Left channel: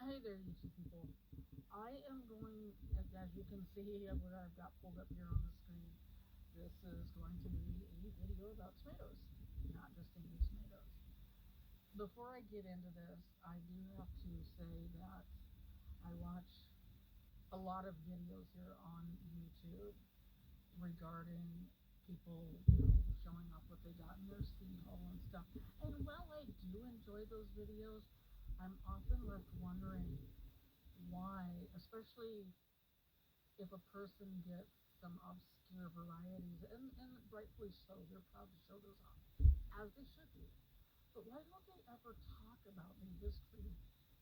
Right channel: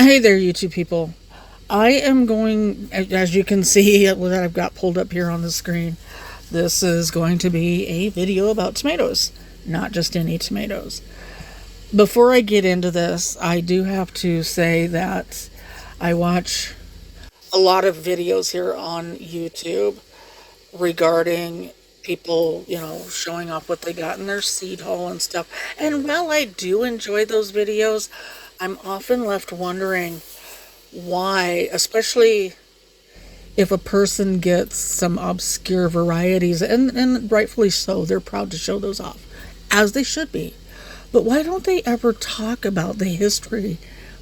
Hey there, YouTube people. I am going, as you can see that I've got pulled up here on the screen, this is going to be a video about tomatoes, not just any tomatoes. Before I get into this, I do have to say that I watch a lot of videos here on YouTube regarding people, showing off what they got in their seed haul and stuff. And while I do enjoy those videos, I'm often left wondering why, especially if a person gets some obscure varieties, and rightfully so, they're proud to show those off, as they should be. But why don't they ever talk about the history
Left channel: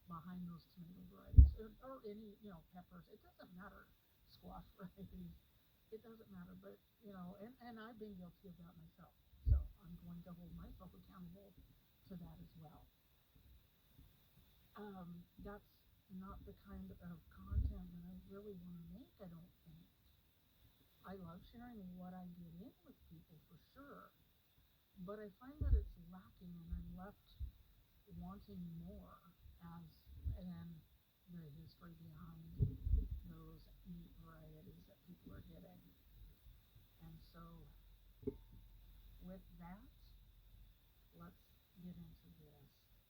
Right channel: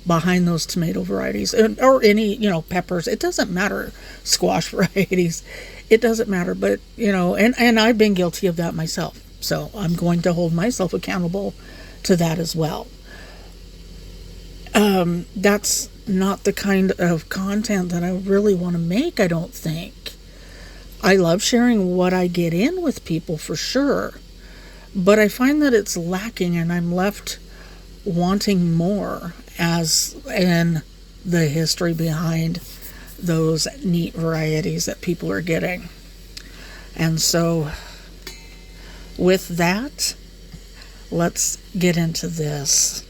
behind those tomato varieties or any, peppers? It doesn't matter, squash varieties. It doesn't matter, but, and I've been guilty of that myself. So I'm going to hold myself accountable to that as well. That's not the kind of content that I really want to make, I don't think. I love sharing what I get in with people for sure, but I find that it's lacking and I'm left wanting more, as in the history behind those neat varieties that people are getting. And so, with that, let's get into this.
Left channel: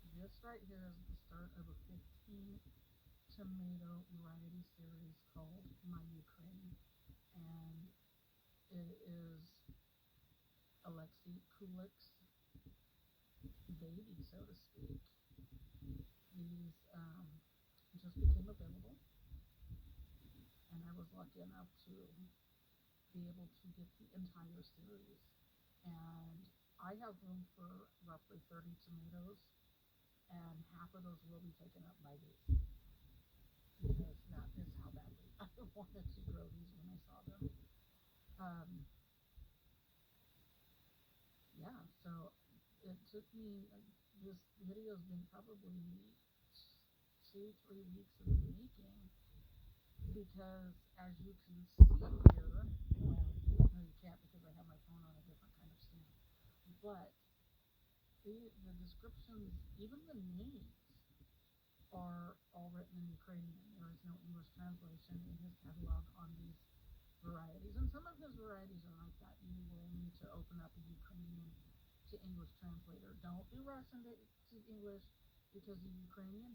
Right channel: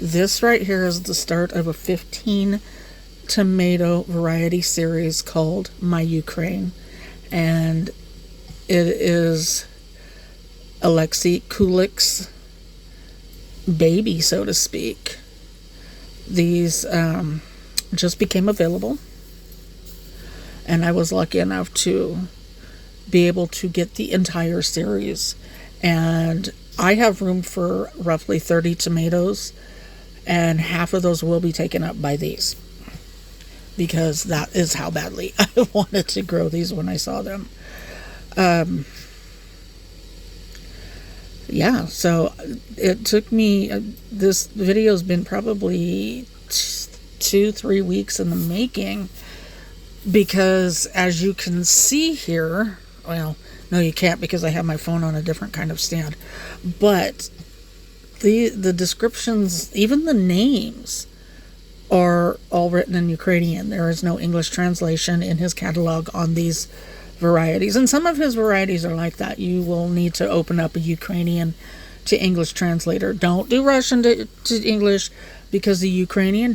This right here is the start of a 15 tomato variety series called My Ukraine, and it is Alexey Kulik's baby, so to speak. These just became available, and I was lucky enough to be able to get the entire series, and I have room for roughly 30 tomatoes, and half of those will be taken up by these, because that is how badly I wanted to grow these when I saw them. Yeah, so it took me, this video's been probably 2-3 weeks in the making, because as you can see here, well, no you can't because I have my phone on a different kind of stand, but the descriptions, even the names, are all written in Ukrainian. There is no English translation in his catalog on these varieties, and some of his varieties are like that. You will need to open up a Ukrainian to English translator. Don't do Russian to English, because the Ukrainian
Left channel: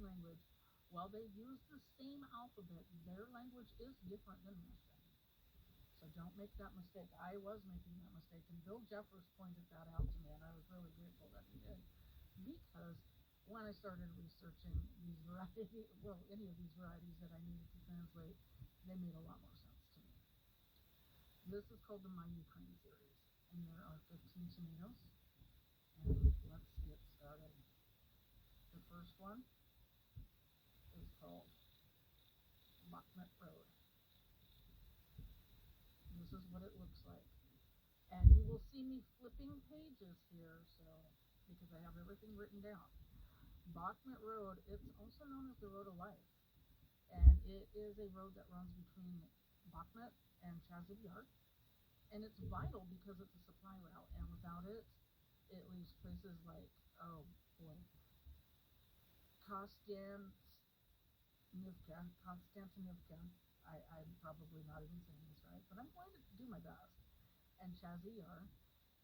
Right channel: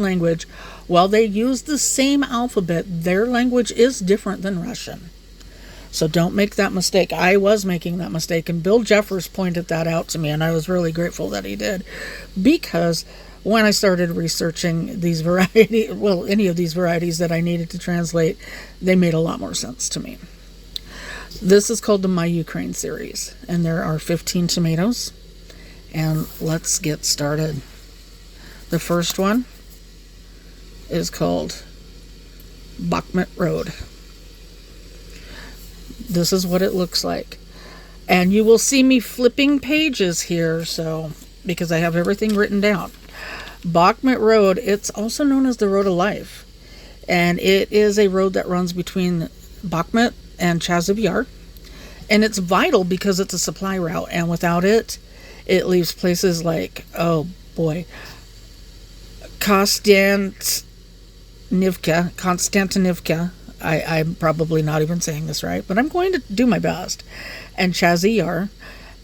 language, while they use the same alphabet, their language is different than Russian. So don't make that mistake. I was making that mistake, and Bill Jeffers pointed that out to me, and I was really grateful that he did, because when I started researching these any of these varieties that I needed to translate, they made a lot more sense to me. This is called the My Ukraine series, and there are 15 tomatoes, and let's get started. The first one is called Bakhmut Road. This is what it looks like. And you will see me flipping pages here, so because I have everything written down. Bakhmut Road, it's also known as the Road of Life. And it is a road that runs between Bakhmut and Chasiv Yar. And it's vital because it's a supply route. And without it, it leaves places like, oh boy, Konstantinivka. I'm probably not even saying this right, but I'm going to do my best. And Chasiv Yar,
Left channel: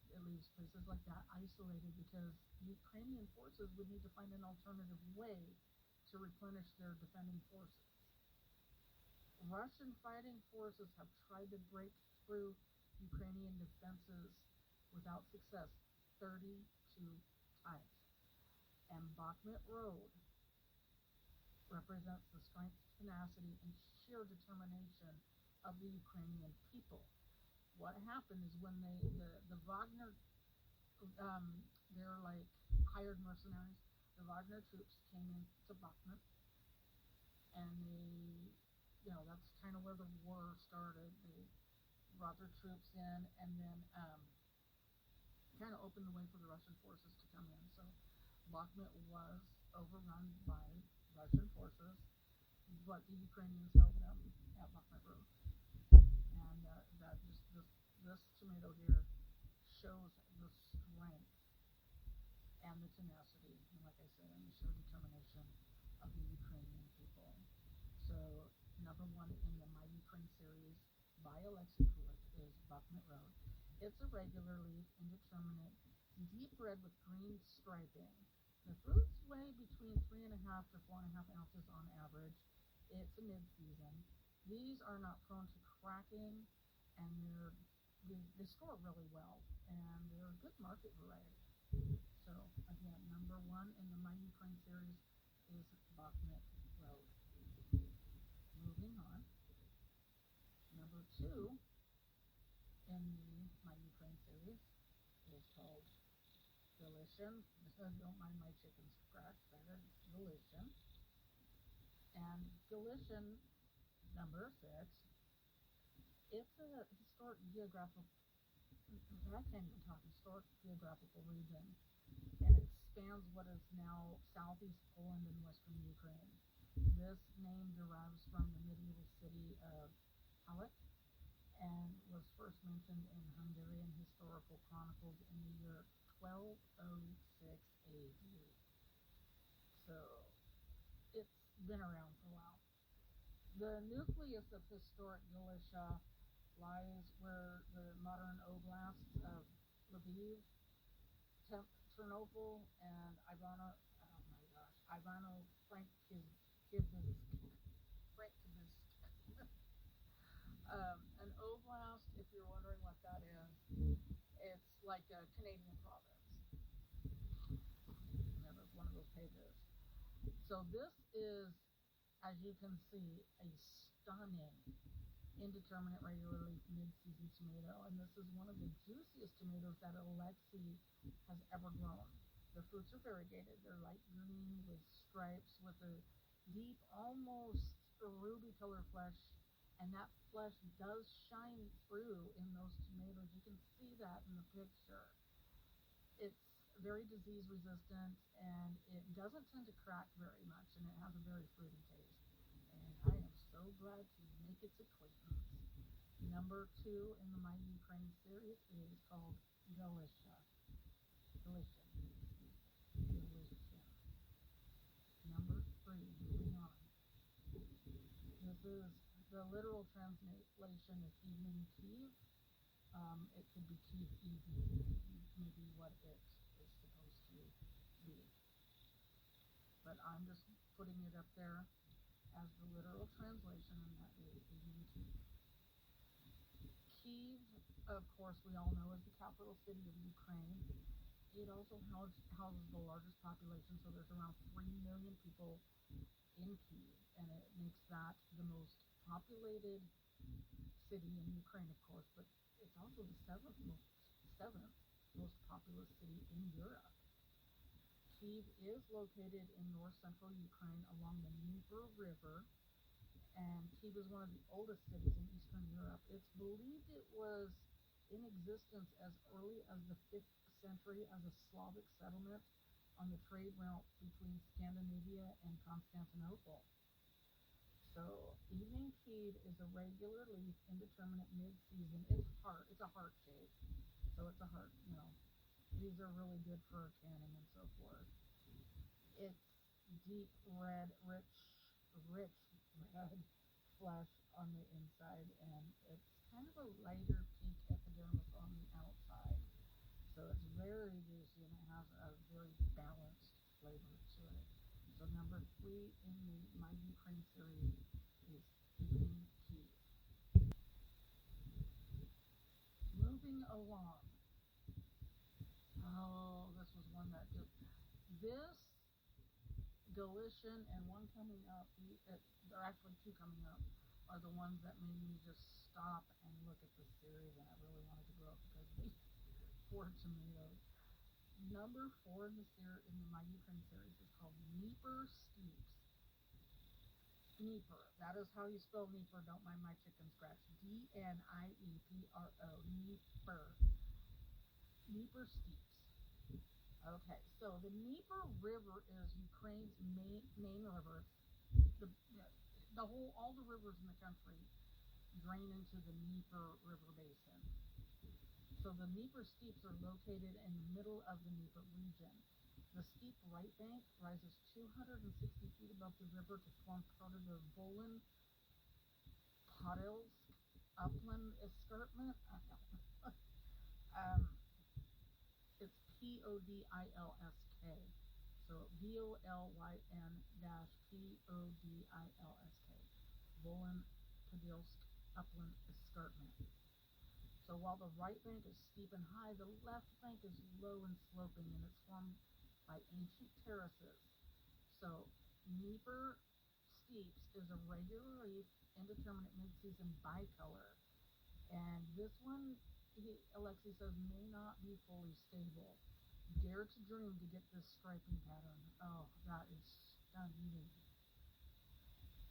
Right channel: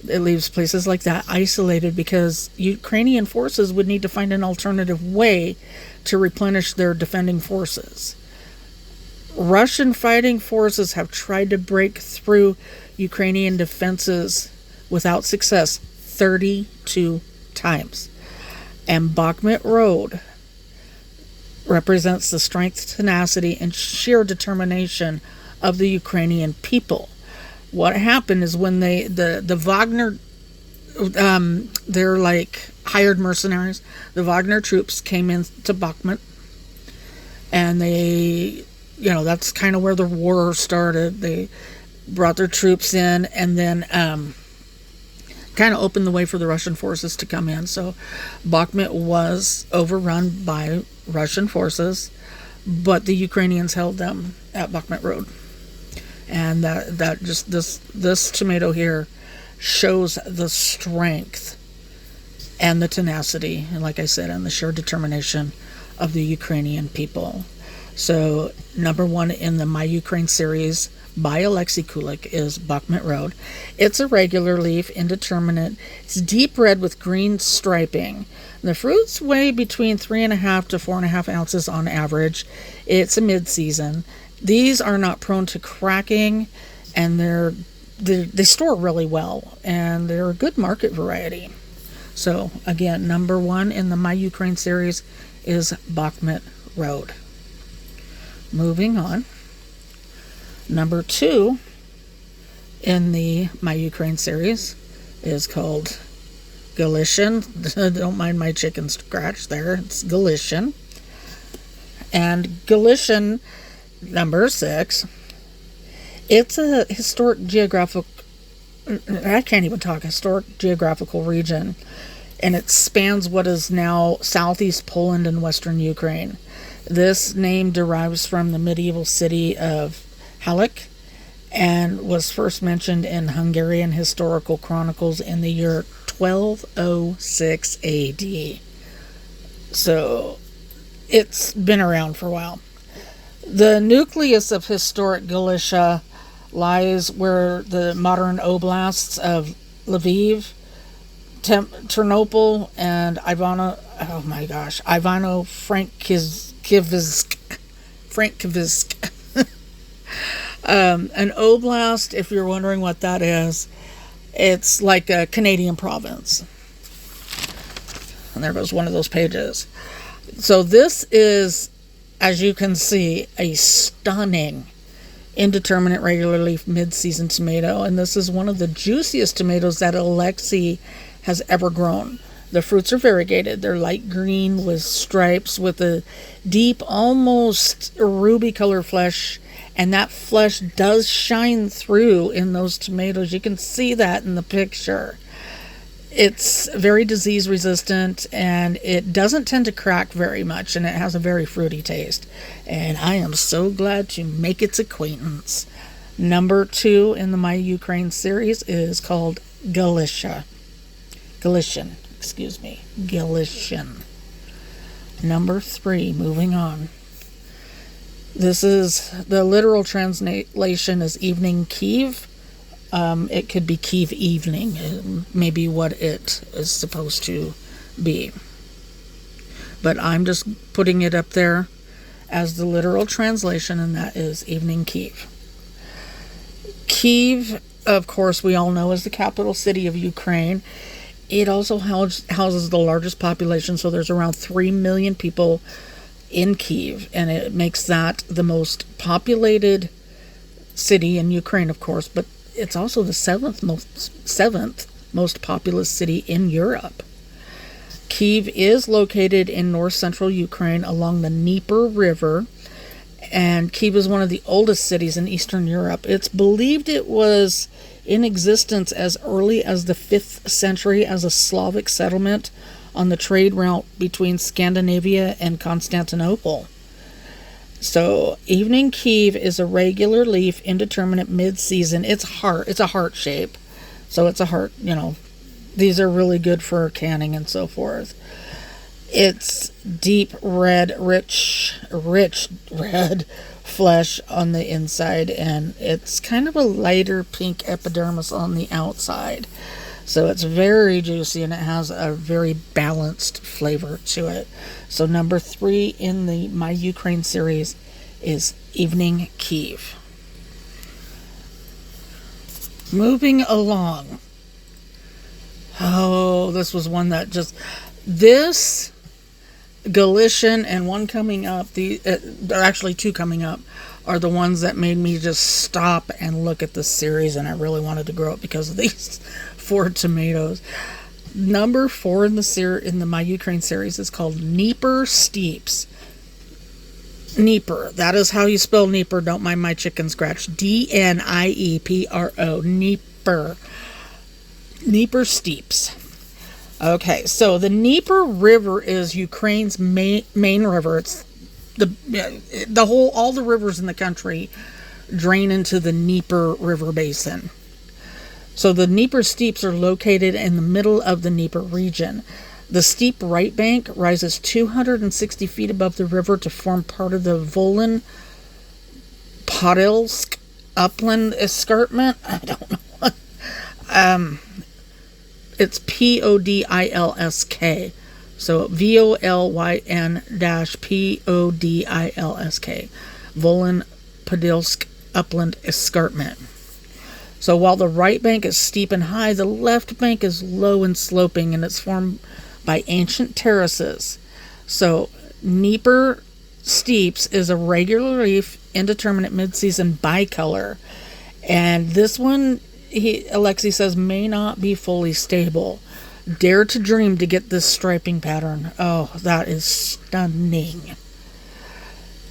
it leaves places like that isolated because Ukrainian forces would need to find an alternative way to replenish their defending forces. Russian fighting forces have tried to break through Ukrainian defenses without success 32 times. And Bakhmut Road represents the strength, tenacity, and sheer determination of the Ukrainian people. What happened is when the Wagner, they're like hired mercenaries. The Wagner troops came into Bakhmut, and they, that's kind of where the war started. They brought their troops in, and then kind of opened the way for the Russian forces to come in. So Bakhmut was overrun by Russian forces, but the Ukrainians held them at Bakhmut Road. And that this tomato here shows the strength and the tenacity, and like I said, and the sheer determination of the Ukrainian people. So, number one in the My Ukraine series by Alexey Kulik is Bakhmut Road. It's a regular leaf, indeterminate. It's deep red with green striping. The fruits weigh between 3.5 to 4.5 ounces on average. It's a mid-season. These are not prone to cracking, and they store really well, and they're a good market variety. So, again, number one in the My Ukraine series is Bakhmut Road. Moving on. Number two in the My Ukraine series is called Galacian. Don't mind my chicken scratch there. It's Galacian. And Galacian, number 6, it's a historic geographical region, and it spans what is now southeast Poland and western Ukraine. This name derives from the medieval city of Halleck and was first mentioned in Hungarian historical chronicles in the year 1206 AD. So it's been around for a while. The nucleus of historic Galicia lies where the modern oblasts of Lviv, Ternopil, and Ivano-Frankivsk. An oblast, if you're wondering what that is, it's like a Canadian province. And there goes one of those pages. So this is, as you can see, a stunning indeterminate regular leaf mid-season tomato, and this is one of the juiciest tomatoes that Alexey has ever grown. The fruits are variegated. They're light green with stripes with a deep, almost ruby color flesh, and that flesh does shine through in those tomatoes. You can see that in the picture. It's very disease resistant, and it doesn't tend to crack very much, and it has a very fruity taste. And I am so glad to make its acquaintance. Number 2 in the My Ukraine series is called Galician. Number 3, moving on. This is, the literal translation is evening Kyiv. It could be Kyiv evening, maybe what it is supposed to be. But I'm just putting it up there as the literal translation, and that is evening Kyiv. Kyiv, of course, we all know is the capital city of Ukraine. It also houses the largest population, so there's around 3 million people in Kyiv, and it makes that the most populated city in Ukraine, of course, but it's also the seventh most populous city in Europe. Kyiv is located in north-central Ukraine along the Dnieper River, and Kyiv is one of the oldest cities in Eastern Europe. It's believed it was in existence as early as the 5th century as a Slavic settlement on the trade route between Scandinavia and Constantinople. So, evening Kyiv is a regular leaf, indeterminate mid-season. It's a heart shape. So it's a heart, these are really good for canning and so forth. It's deep red, rich red flesh on the inside, and it's kind of a lighter pink epidermis on the outside. So it's very juicy, and it has a very balanced flavor to it. So number 3 in the My Ukraine series is Evening Kyiv. Moving along. Oh, this was one that this Galician and one coming up, there are actually 2 coming up, are the ones that made me just stop and look at the series, and I really wanted to grow it because of these 4 tomatoes. Number 4 in the My Ukraine series is called Dnieper Steeps. Dnieper, that is how you spell Dnieper. Don't mind my chicken scratch. Dniepro. Dnieper Steeps. Okay, so the Dnieper River is Ukraine's main river. It's all the rivers in the country drain into the Dnieper River basin. So the Dnieper Steeps are located in the middle of the Dnieper region. The steep right bank rises 260 feet above the river to form part of the Volyn Podilsk upland escarpment. I don't know. It's Podilsk. So VOLYN-PODILSK. Volyn Podilsk upland escarpment. So while the right bank is steep and high, the left bank is low and sloping, and it's formed by ancient terraces. So Dnieper Steeps is a regular leaf, indeterminate mid-season bicolor. And this one, Alexey says, may not be fully stable. Dare to dream to get this striping pattern. Oh, that is stunning.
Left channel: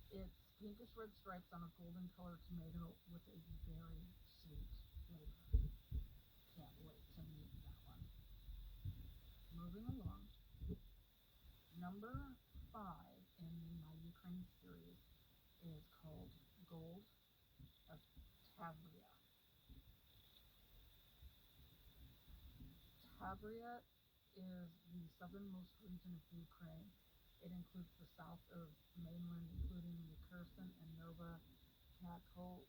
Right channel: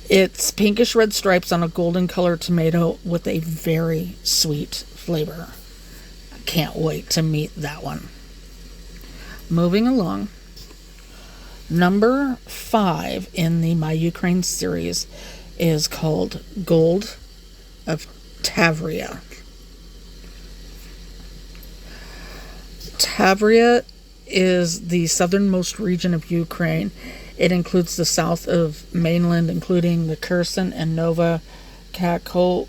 It's pinkish red stripes on a golden colored tomato with a very sweet flavor. I can't wait to meet that one. Moving along. Number 5 in the My Ukraine series is called Gold of Tavria. Tavria is the southernmost region of Ukraine. It includes the south of mainland, including the Kherson and Nova Kakhovka.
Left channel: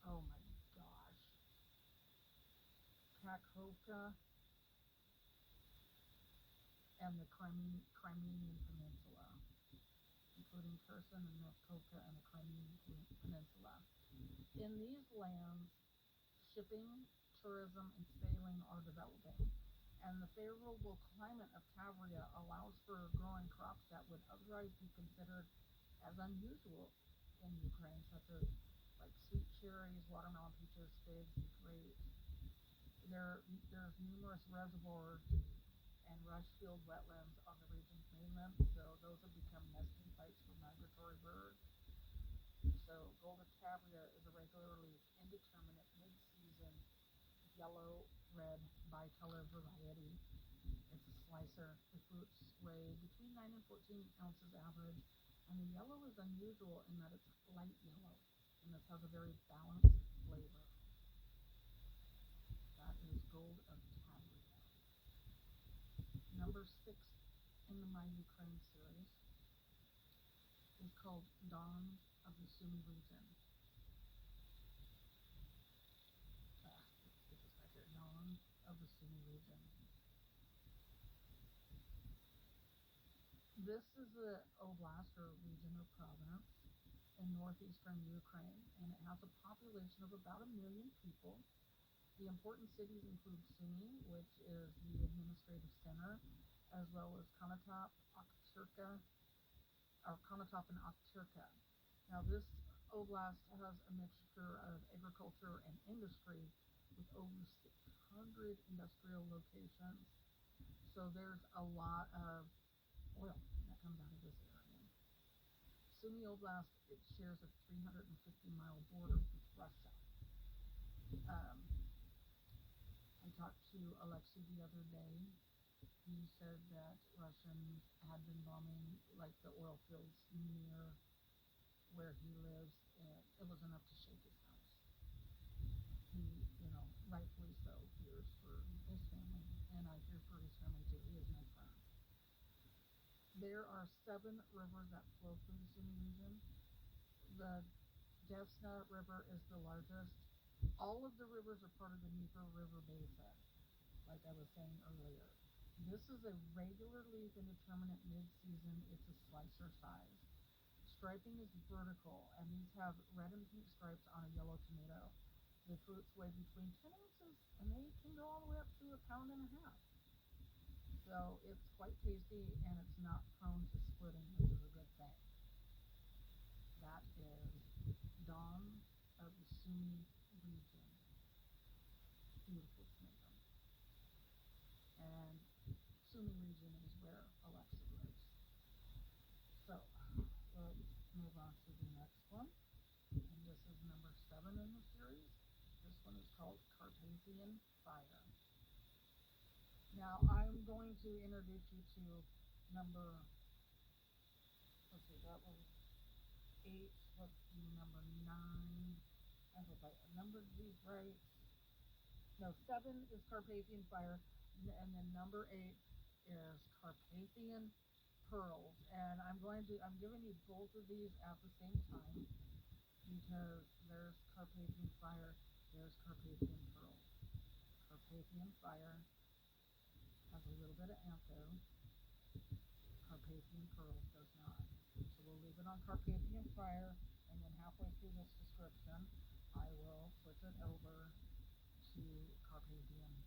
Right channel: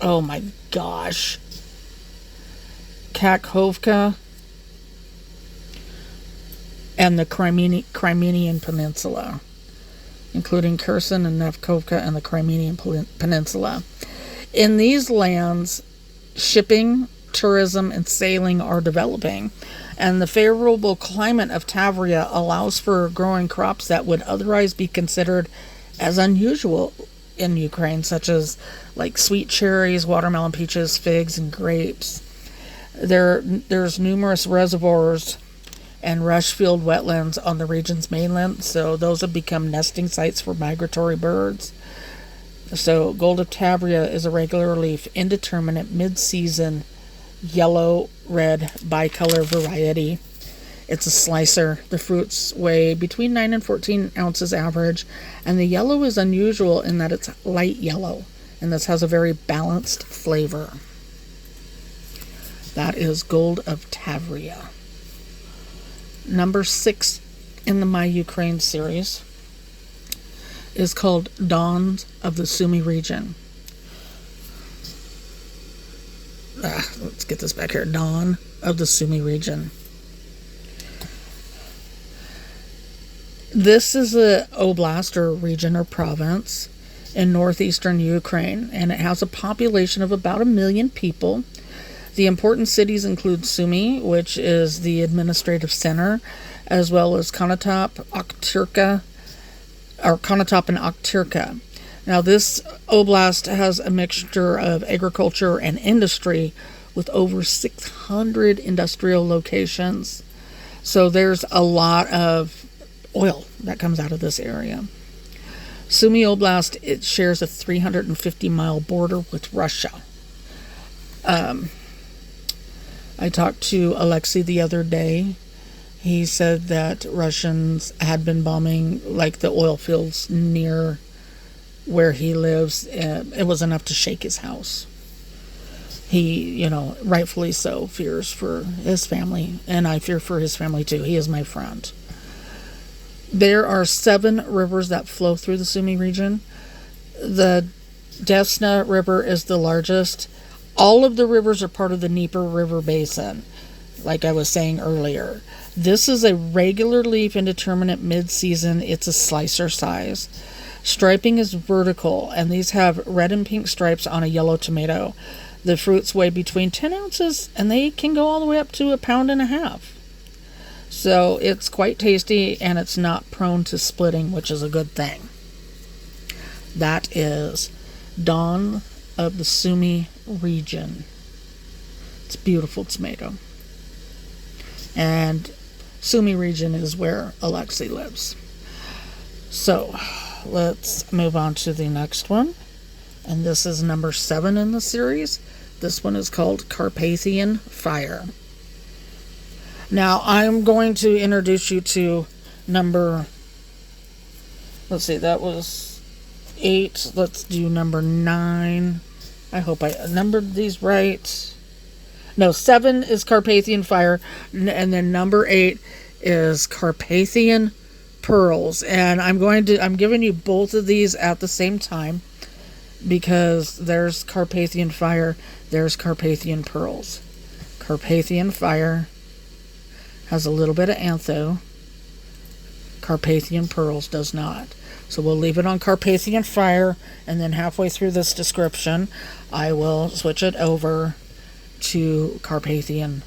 Oh my gosh. Kakhovka and the Crimean Peninsula, including Kherson and Nevkovka and the Crimean Peninsula. In these lands, shipping, tourism, and sailing are developing, and the favorable climate of Tavria allows for growing crops that would otherwise be considered as unusual in Ukraine, such as like sweet cherries, watermelon, peaches, figs, and grapes. There's numerous reservoirs and rush-filled wetlands on the region's mainland, so those have become nesting sites for migratory birds. So Gold of Tavria is a regular leaf, indeterminate, mid-season, yellow-red bicolor variety. It's a slicer. The fruits weigh between 9 and 14 ounces average, and the yellow is unusual in that it's light yellow, and this has a very balanced flavor. That is Gold of Tavria. Number 6 in the My Ukraine series is called Dawn of the Sumy region. Let's get this back here. Dawn of the Sumy region. This is a oblast or region or province in northeastern Ukraine, and it has a population of about 1 million people. The important cities include Sumy, which is the administrative center, as well as Konotop, Okhtyrka, or Konotop and Okhtyrka. Now, this oblast has a mixture of agriculture and industry with over 600 industrial locations. So there's a lot of oil that comes out of this area. Sumy Oblast, it shares a 350-mile border with Russia. I talked to Alexey the other day. He said that Russians had been bombing like the oil fields near where he lives. It was enough to shake his house. He, rightfully so, fears for his family, and I fear for his family too. He is my friend. There are 7 rivers that flow through the Sumy region. The Desna River is the largest. All of the rivers are part of the Dnieper River Basin, like I was saying earlier. This is a regular leaf, indeterminate, mid-season. It's a slicer size. Striping is vertical, and these have red and pink stripes on a yellow tomato. The fruits weigh between 10 ounces, and they can go all the way up to 1.5 pounds. So it's quite tasty, and it's not prone to splitting, which is a good thing. That is Dawn of the Sumy region. It's a beautiful tomato. And Sumy region is where Alexey lives. So let's move on to the next one. And this is number 7 in the series. This one is called Carpathian Fire. Now I'm going to introduce you to number, let's see, that was 8. Let's do number 9. I hope I numbered these right. No, 7 is Carpathian Fire, and then number 8 is Carpathian Pearls. And I'm giving you both of these at the same time because there's Carpathian Fire, there's Carpathian Pearls. Carpathian Fire has a little bit of antho. Carpathian Pearls does not. So we'll leave it on Carpathian Fire, and then halfway through this description, I will switch it over to Carpathian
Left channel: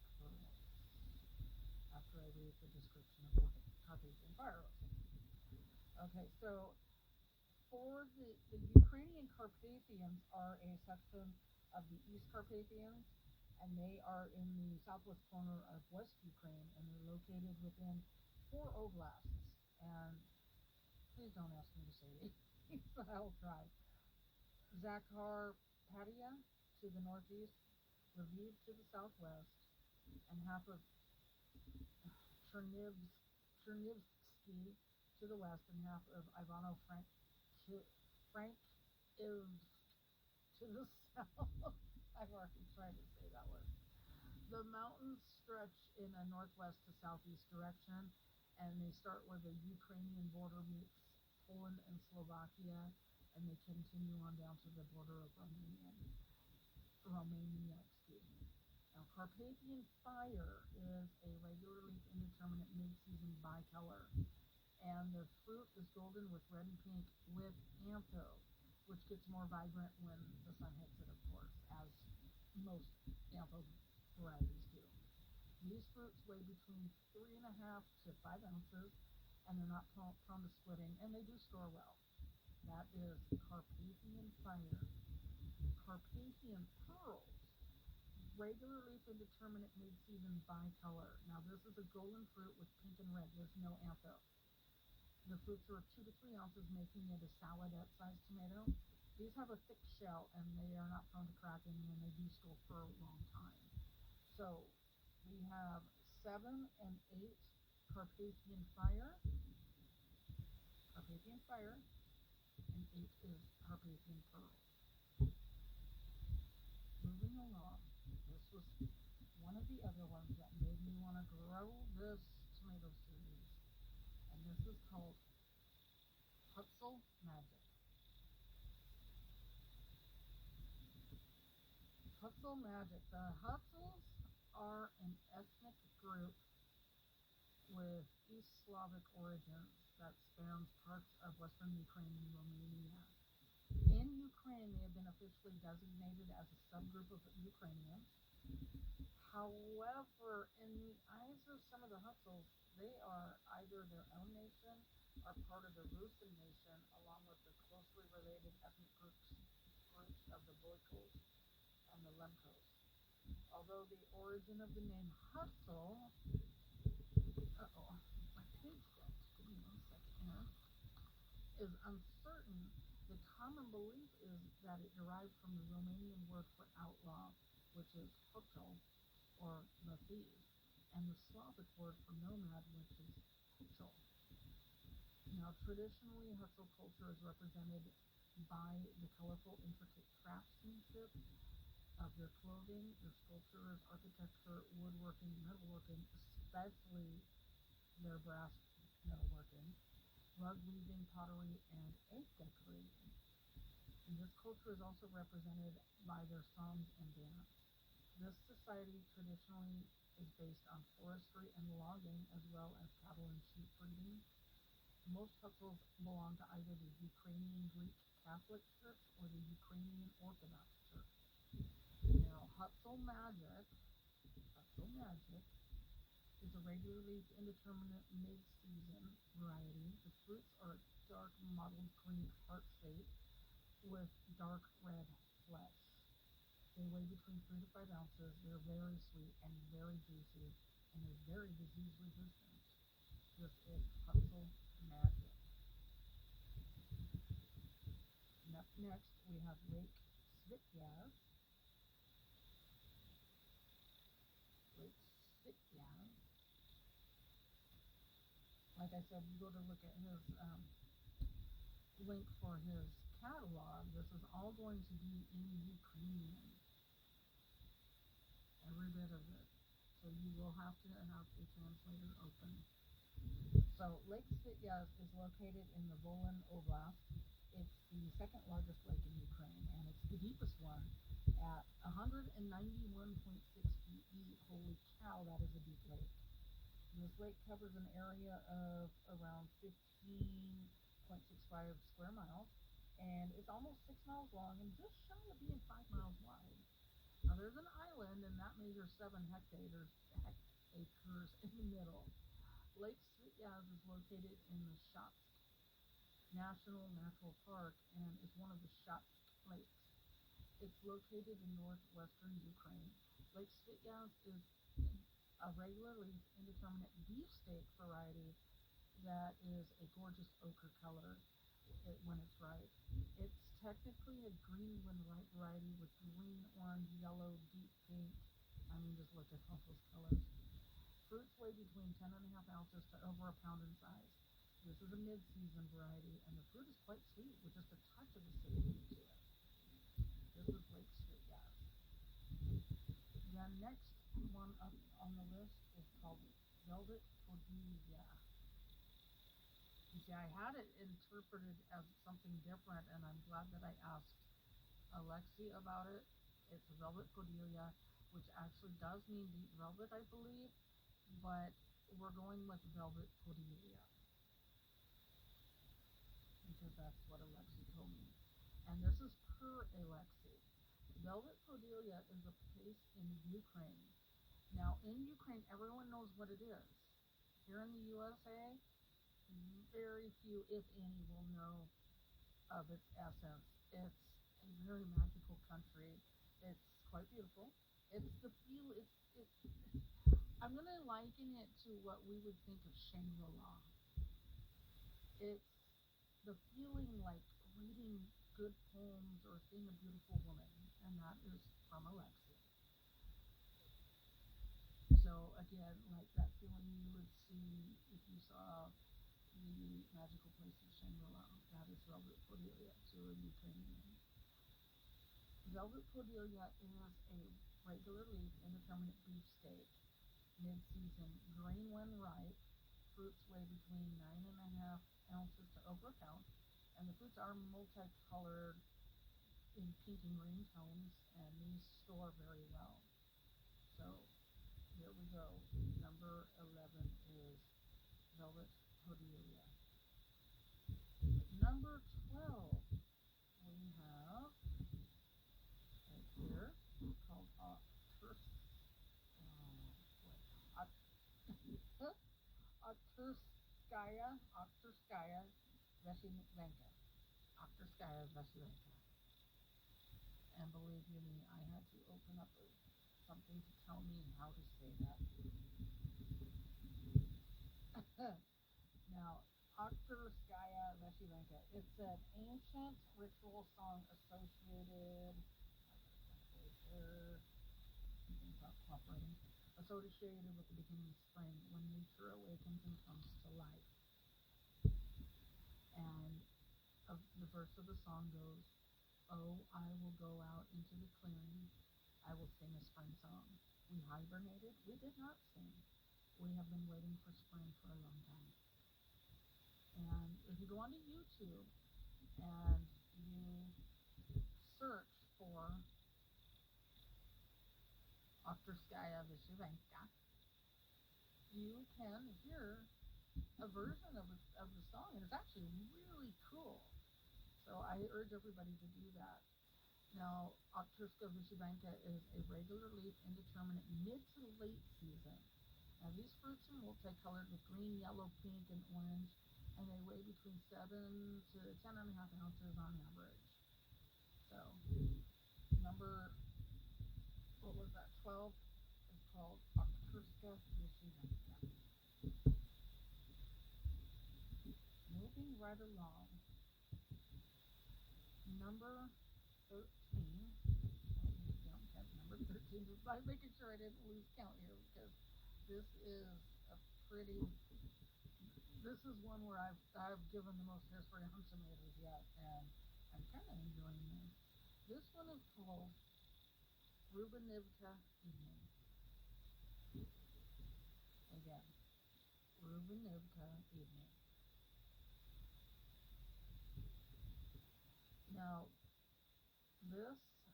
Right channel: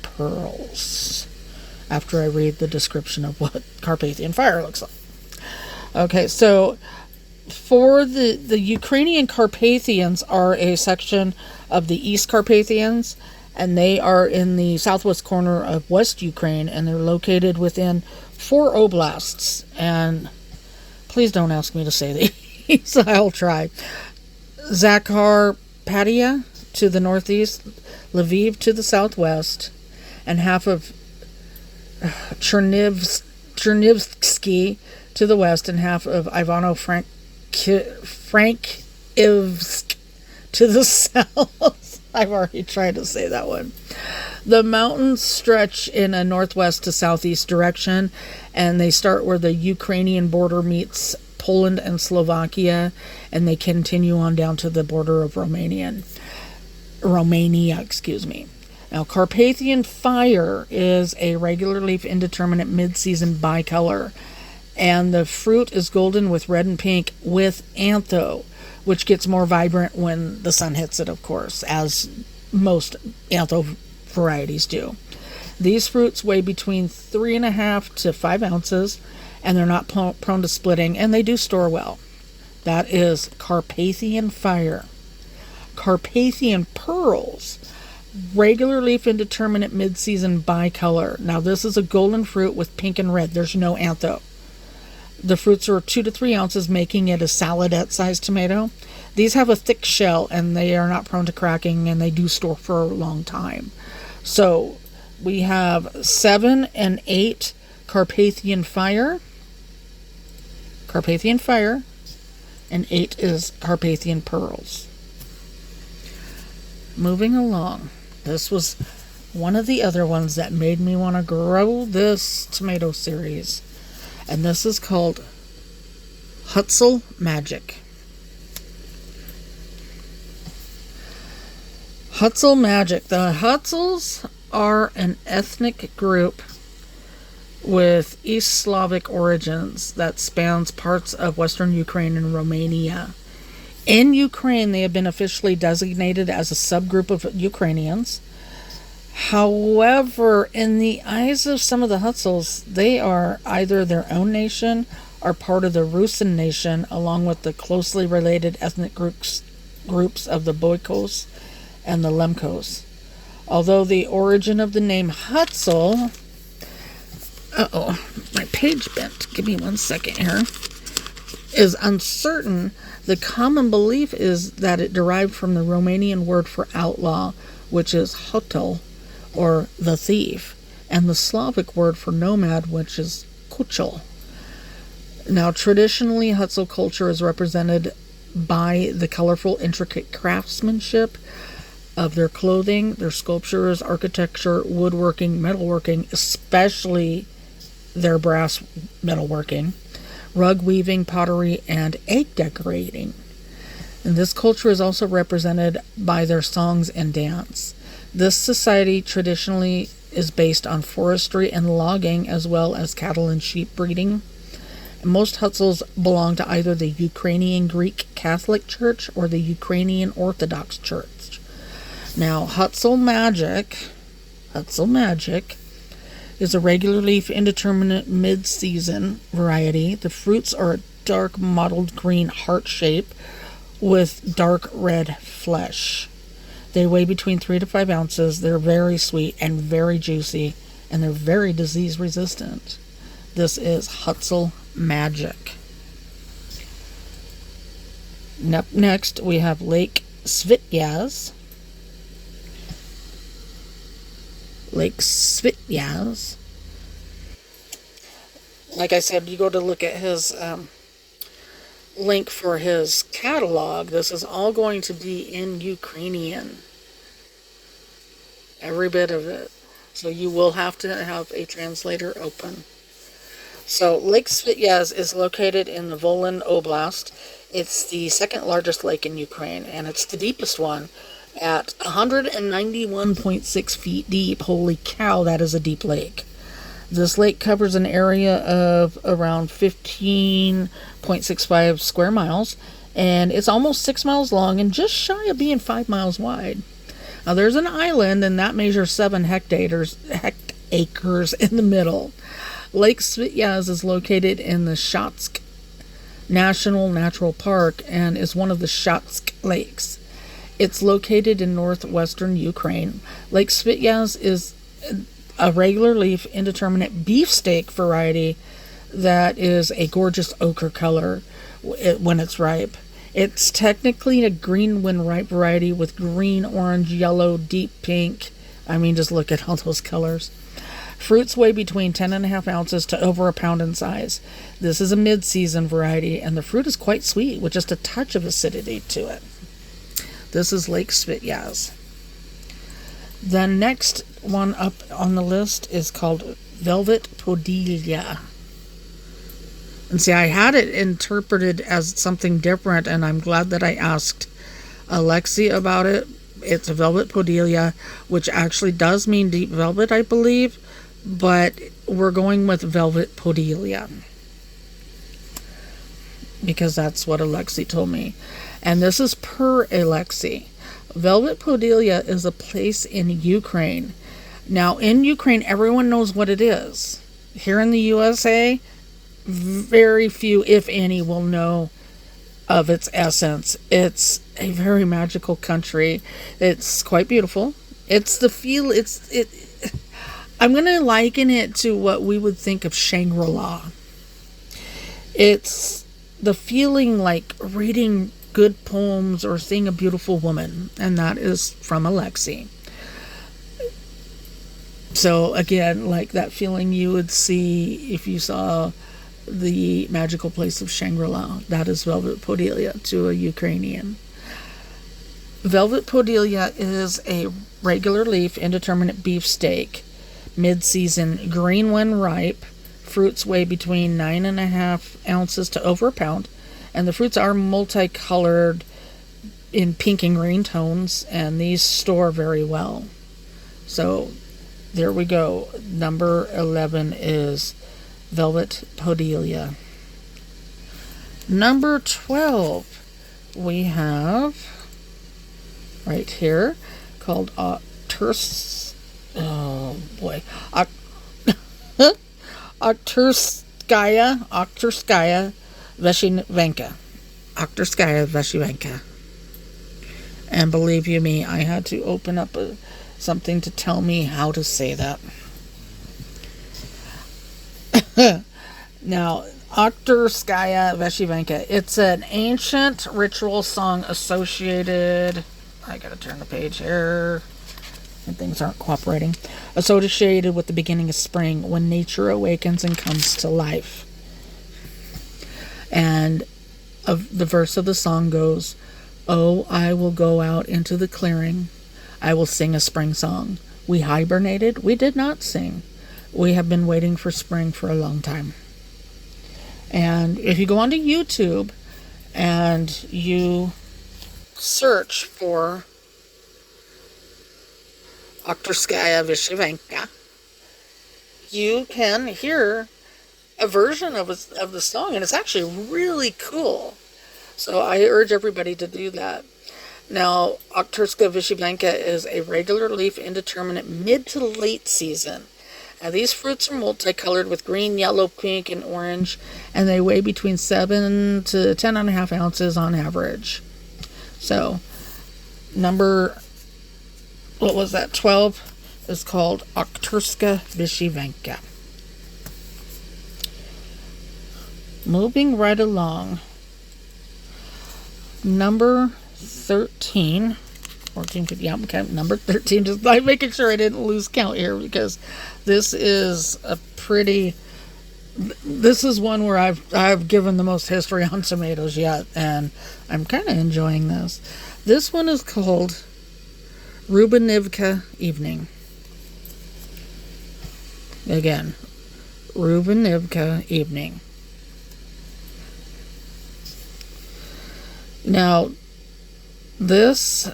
Pearls after I read the description of what Carpathian Fire looks like. Okay, so for the Ukrainian Carpathians are a section of the East Carpathians, and they are in the southwest corner of West Ukraine, and they're located within 4 oblasts. And please don't ask me to say these. I'll try. Zakarpattia to the northeast, Lviv to the southwest, and half of Chernivtsi to the west, and half of Ivano-Frankivsk to the south. I've already tried to say that one. The mountains stretch in a northwest to southeast direction, and they start where the Ukrainian border meets Poland and Slovakia, and they continue on down to the border of Romania. Now, Carpathian Fire is a regular leaf indeterminate mid-season bicolor, and the fruit is golden with red and pink with antho, which gets more vibrant when the sun hits it, of course, as most antho varieties do. These fruits weigh between 3.5 to 5 ounces, and they're not prone to splitting, and they do store well. That is Carpathian Fire. Carpathian Pearls, regular leaf indeterminate mid-season bicolor. Now this is a golden fruit with pink and red. There's no antho. The fruits are 2 to 3 ounces, making it a saladette-sized tomato. These have a thick shell, and they are not prone to cracking, and they do store for a long time. So we have 7 and 8 Carpathian Fire, and 8 is Carpathian Pearls. Moving along, this was one of the other ones that made me want to grow this tomato series, and this is called Hutsul Magic. Hutsul Magic. The Hutsuls are an ethnic group with East Slavic origins that spans parts of Western Ukraine and Romania. In Ukraine, they have been officially designated as a subgroup of Ukrainians. However, in the eyes of some of the Hutsuls, they are either their own nation or part of the Rusin nation, along with the closely related ethnic groups of the Boykos and the Lemkos. Although the origin of the name Hutsul... my page bent. Give me 1 second here. Is uncertain. The common belief is that it derived from the Romanian word for outlaw, which is hotel, or the thief, and the Slavic word for nomad, which is kuchel. Now, traditionally, Hutsul culture is represented by the colorful, intricate craftsmanship of their clothing, their sculptures, architecture, woodworking, metalworking, especially their brass metalworking, rug weaving, pottery, and egg decorating. And this culture is also represented by their songs and dance. This society traditionally is based on forestry and logging, as well as cattle and sheep breeding. And most Hutsuls belong to either the Ukrainian Greek Catholic Church or the Ukrainian Orthodox Church. Now, Hutsul Magic is a regular leaf indeterminate mid-season variety. The fruits are a dark mottled green heart shape with dark red flesh. They weigh between 3 to 5 ounces. They're very sweet and very juicy, and they're very disease resistant. This is Hutsul Magic. Next, we have Lake Svityaz. Like I said, you go to look at his link for his catalog. This is all going to be in Ukrainian. every bit of it. So you will have to have a translator open. So Lake Svityaz is located in the Volyn Oblast. It's the second largest lake in Ukraine, and it's the deepest one at 191.6 feet deep. Holy cow, that is a deep lake. This lake covers an area of around 15.65 square miles, and it's almost 6 miles long and just shy of being 5 miles wide. Now, there's an island, and that measures 7 hectares in the middle. Lake Svityaz is located in the Shatsk National Natural Park and is one of the Shatsk lakes. It's located in northwestern Ukraine. Lake Svityaz is a regular leaf indeterminate beefsteak variety that is a gorgeous ochre color when it's ripe. It's technically a green when ripe variety with green, orange, yellow, deep pink. I mean, just look at all those colors. Fruits weigh between 10.5 ounces to over a pound in size. This is a mid-season variety, and the fruit is quite sweet with just a touch of acidity to it. This is Lake Svityaz. The next one up on the list is called Velvet Podillia. And see, I had it interpreted as something different, and I'm glad that I asked Alexey about it. It's a Velvet Podillia, which actually does mean deep velvet, I believe, but we're going with Velvet Podillia because that's what Alexey told me. And this is per Alexey. Velvet Podillia is a place in Ukraine. Now, in Ukraine, everyone knows what it is. Here in the USA, very few, if any, will know of its essence. It's a very magical country. It's quite beautiful. It's the feel. I'm gonna liken it to what we would think of Shangri-La. It's the feeling like reading good poems or seeing a beautiful woman, and that is from Alexey. So again, like that feeling you would see if you saw the magical place of Shangri-La. That is Velvet Podillia to a Ukrainian. Velvet Podillia is a regular leaf indeterminate beefsteak, mid-season, green when ripe. Fruits weigh between 9.5 ounces to over a pound, and the fruits are multicolored in pink and green tones, and these store very well. So there we go. Number 11 is Velvet Podillia. Number 12, we have right here called Okhtyrskaya Veshyanka. Okhtyrskaya Veshyanka. And believe you me, I had to open up something to tell me how to say that. Now, Okhtyrskaya Veshyanka. It's an ancient ritual song associated. I gotta turn the page here. And things aren't cooperating. Associated with the beginning of spring, when nature awakens and comes to life. And the verse of the song goes, "Oh, I will go out into the clearing. I will sing a spring song. We hibernated. We did not sing. We have been waiting for spring for a long time." And if you go onto YouTube and you search for Okhtyrskaya Veshyanka, you can hear a version of the song, and it's actually really cool. So I urge everybody to do that. Now, Okhtyrskaya Veshyanka is a regular leaf indeterminate mid to late season. Now, these fruits are multicolored with green, yellow, pink, and orange, and they weigh between 7 to 10.5 ounces on average. So, number 12 is called Okhtyrskaya Veshyanka. Moving right along. Number 13. 14, yeah, okay, number 13. Just like making sure I didn't lose count here, because this is this is one where I've given the most history on tomatoes yet, and I'm kind of enjoying this. This one is called Rubanivka Evening. Again, Rubanivka Evening. Now, this,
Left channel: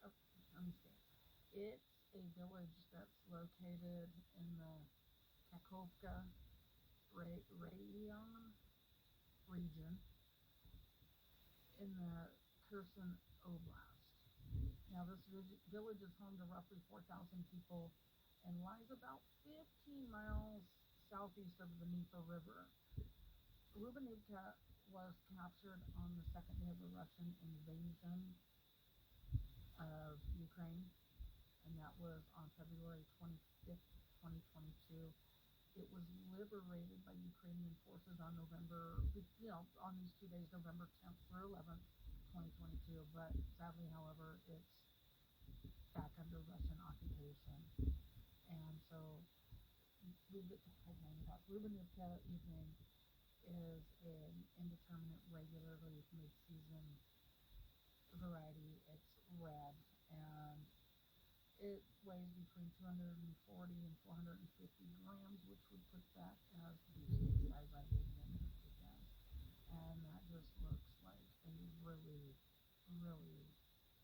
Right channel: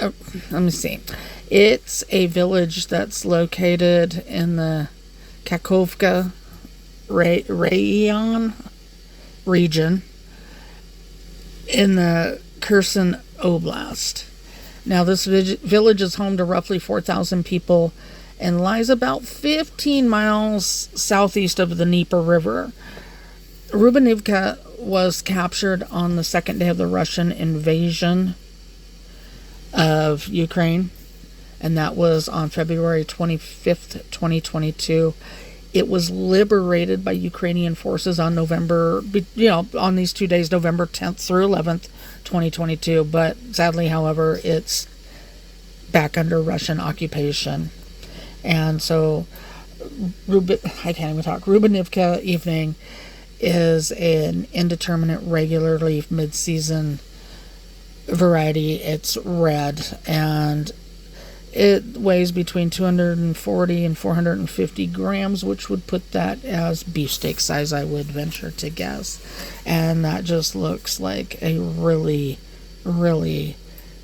let me see. It's a village that's located in the Kakhovka Rayon region in the Kherson Oblast. Now, this village is home to roughly 4,000 people and lies about 15 miles southeast of the Dnieper River. Rubanivka was captured on the second day of the Russian invasion of Ukraine, and that was on February 25th, 2022. It was liberated by Ukrainian forces on on these 2 days, November 10th through 11th, 2022. But sadly, however, it's back under Russian occupation. And so, I can't even talk. Rubanivka Evening is an indeterminate regular leaf mid-season variety. It's red, and it weighs between 240 and 450 grams, which would put that as beefsteak size, I would venture to guess. And that just looks like a really, really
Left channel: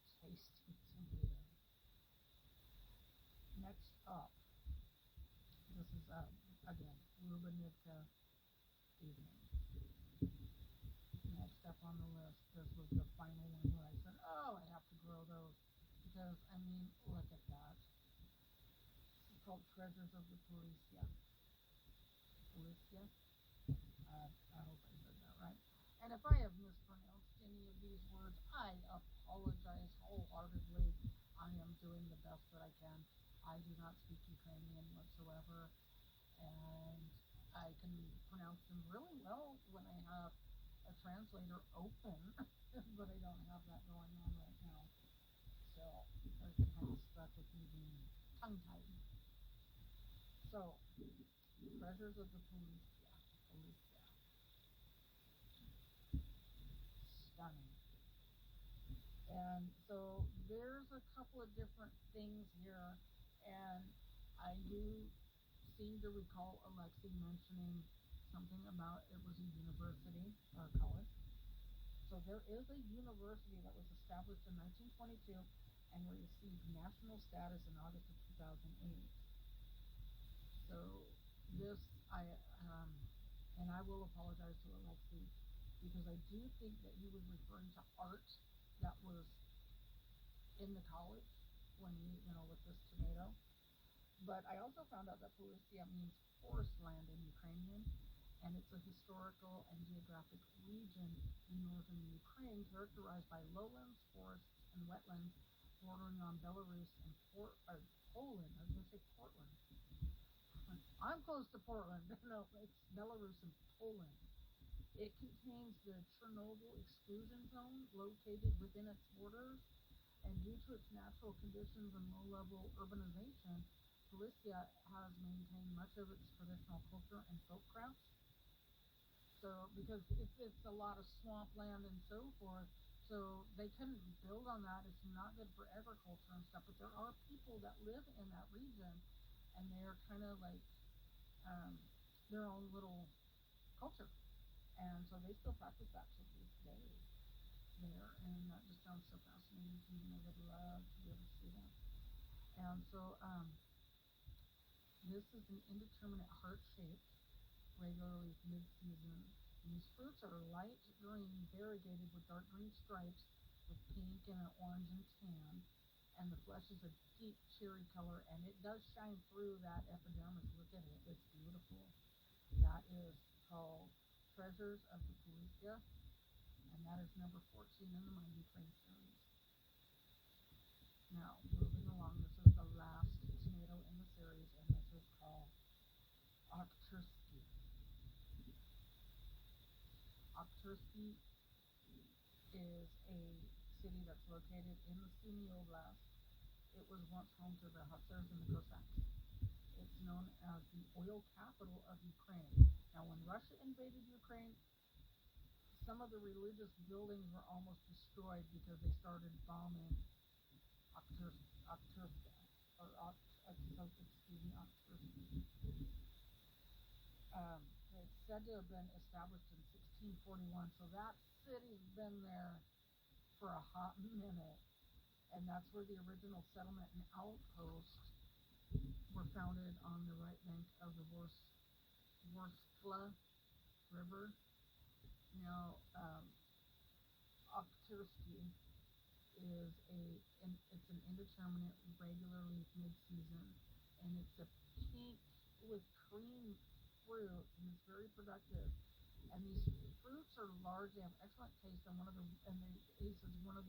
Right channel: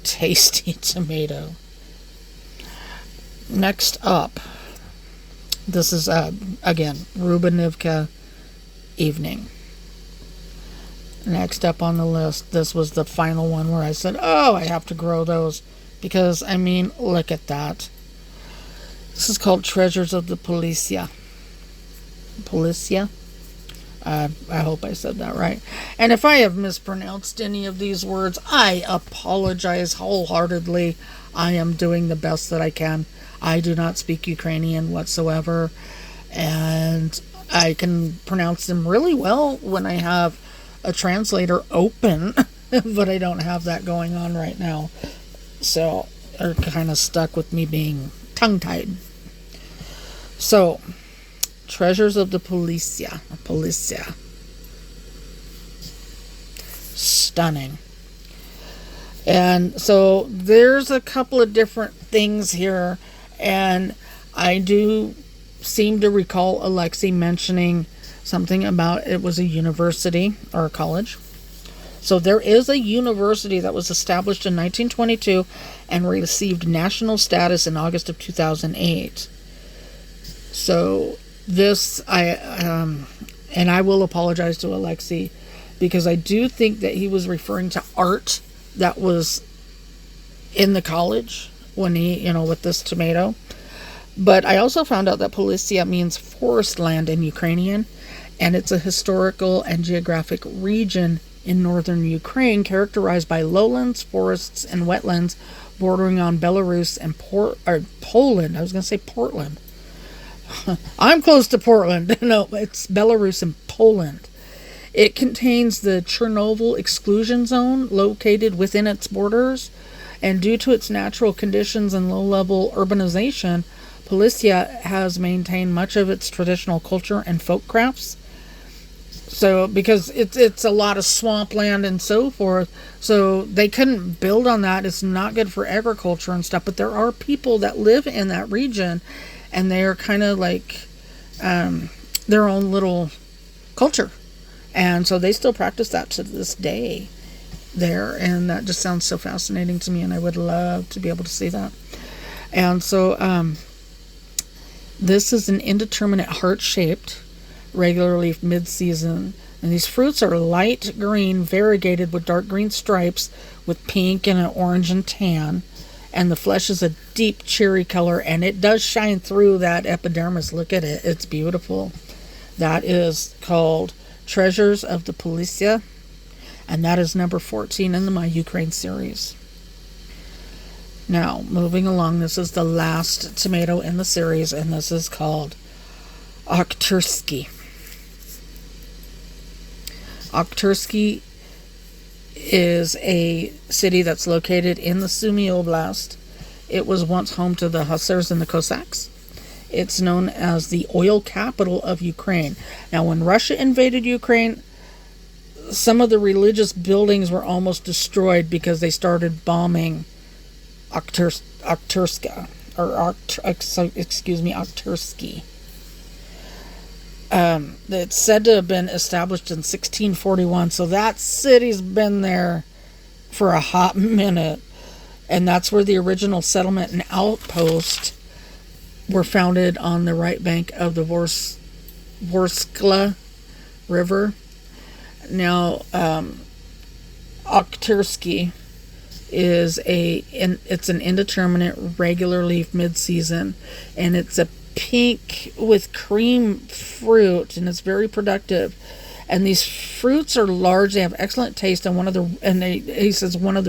tasty tomato. Next up, this is, again, Rubanivka Evening. Next up on the list, this was the final one where I said, oh, I have to grow those. Because, I mean, look at that. This is called Treasures of the Polissia. Polissia? I hope I said that right. And if I have mispronounced any of these words, I apologize wholeheartedly. I am doing the best that I can. I do not speak Ukrainian whatsoever. And I can pronounce them really well when I have a translator open. But I don't have that going on right now. So they're kind of stuck with me being tongue-tied. So, Treasures of the Polissia. Stunning. And so there's a couple of different things here, and I do seem to recall Alexey mentioning something about it was a university or a college. So there is a university that was established in 1922 and received national status in August of 2008. So this, and I will apologize to Alexey because I do think that he was referring to art that was in the college when he, with this tomato. But I also found out that Polissia means forest land in Ukrainian, and it's a historical and geographic region in northern Ukraine, characterized by lowlands, forests, and wetlands bordering on Belarus and Poland. I was going to say Portland. I'm close to Portland. No, it's Belarus and Poland. It contains the Chernobyl exclusion zone located within its borders, and due to its natural conditions and low-level urbanization, Polissia has maintained much of its traditional culture and folk crafts. So, because it's a lot of swampland and so forth, so they couldn't build on that. It's not good for agriculture and stuff, but there are people that live in that region, and they are kind of like their own little culture. And so they still practice that to this day there, and that just sounds so fascinating to me, and I would love to be able to see that. And so this is an indeterminate heart-shaped regular leaf mid-season, and these fruits are light green, variegated with dark green stripes with pink and an orange and tan, and the flesh is a deep cherry color, and it does shine through that epidermis. Look at it, it's beautiful. That is called Treasures of the Polissia, and that is number 14 in the My Ukraine series. Now, moving along, this is the last tomato in the series, and this is called Okhtyrskyi. Okhtyrskyi is a city that's located in the Sumy Oblast. It was once home to the Hussars and the Cossacks. It's known as the oil capital of Ukraine. Now, when Russia invaded Ukraine, some of the religious buildings were almost destroyed because they started bombing Okhtyrskaya, Okhtyrskyi. It's said to have been established in 1641, so that city's been there for a hot minute. And that's where the original settlement and outpost were founded, on the right bank of the Vorskla River. Now, Okhtyrskyi is it's an indeterminate regular leaf mid-season, and it's a pink with cream fruit, and it's very productive. And these fruits are large. They have excellent taste, and he says one with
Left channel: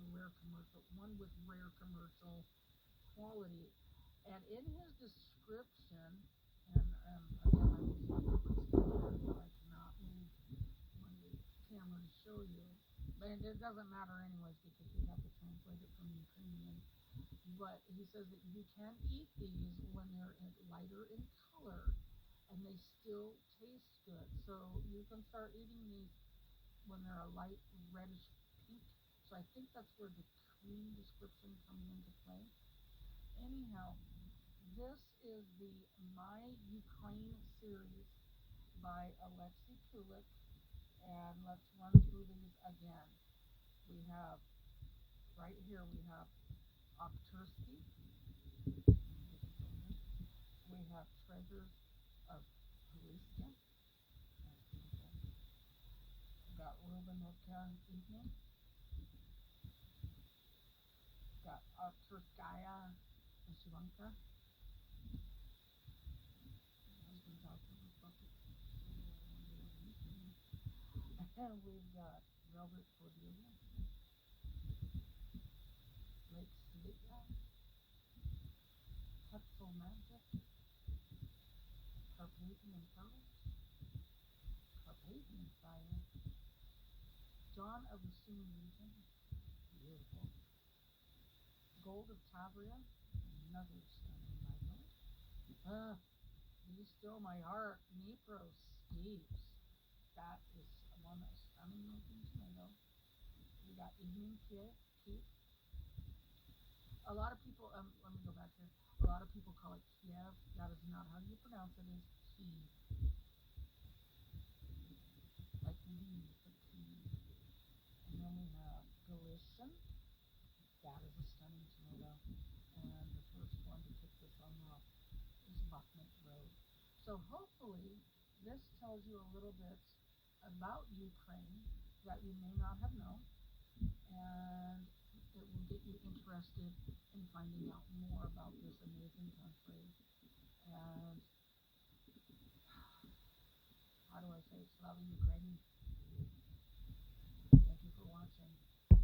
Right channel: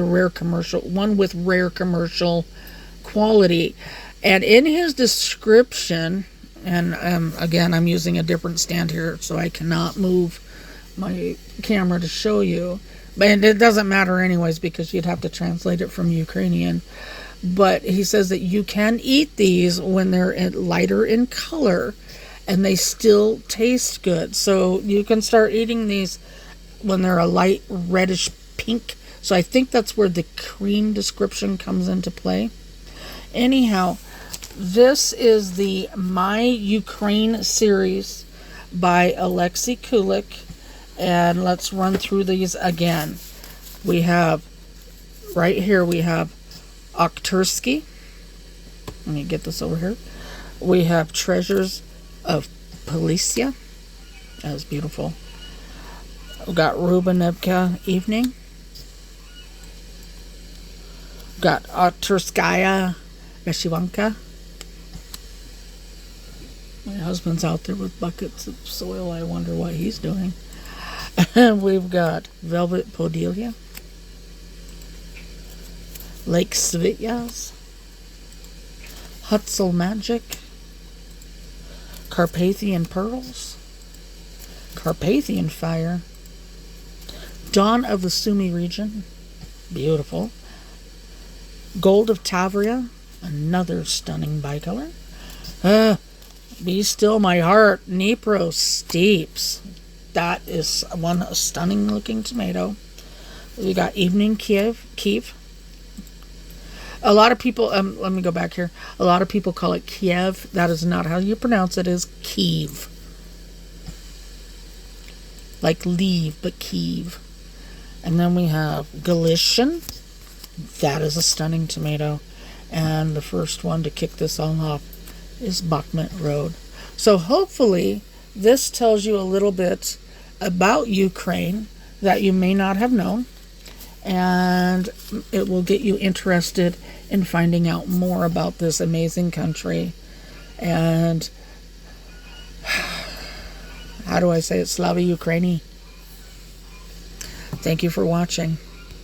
rare commercial quality. And in his description, and again, I'm using a different stand here, so I cannot move my camera to show you. And it doesn't matter anyways, because you'd have to translate it from Ukrainian. But he says that you can eat these when they're lighter in color, and they still taste good. So you can start eating these when they're a light reddish pink. So I think that's where the cream description comes into play. Anyhow, this is the My Ukraine series by Alexey Kulik. And let's run through these again. We have, right here, we have Okhtyrskyi. Let me get this over here. We have Treasures of Polissia. That was beautiful. We've got Rubanivka Evening. We've got Okhtyrskaya Veshyanka. My husband's out there with buckets of soil. I wonder what he's doing. We've got Velvet Podillia, Lake Svityaz, Hutsul Magic, Carpathian Pearls, Carpathian Fire, Dawn of the Sumy region, beautiful, Gold of Tavria, another stunning bicolor, Be Still My Heart, Dniepro Steeps. That is one stunning looking tomato. We got Evening Kyiv. A lot of people, let me go back here. A lot of people call it Kyiv. That is not how you pronounce it. It is Kyiv. Like leave, but Kyiv. And then we have Galacian. That is a stunning tomato. And the first one to kick this all off is Bakhmut Road. So hopefully this tells you a little bit about Ukraine that you may not have known, and it will get you interested in finding out more about this amazing country. And how do I say it? Slava Ukraini. Thank you for watching.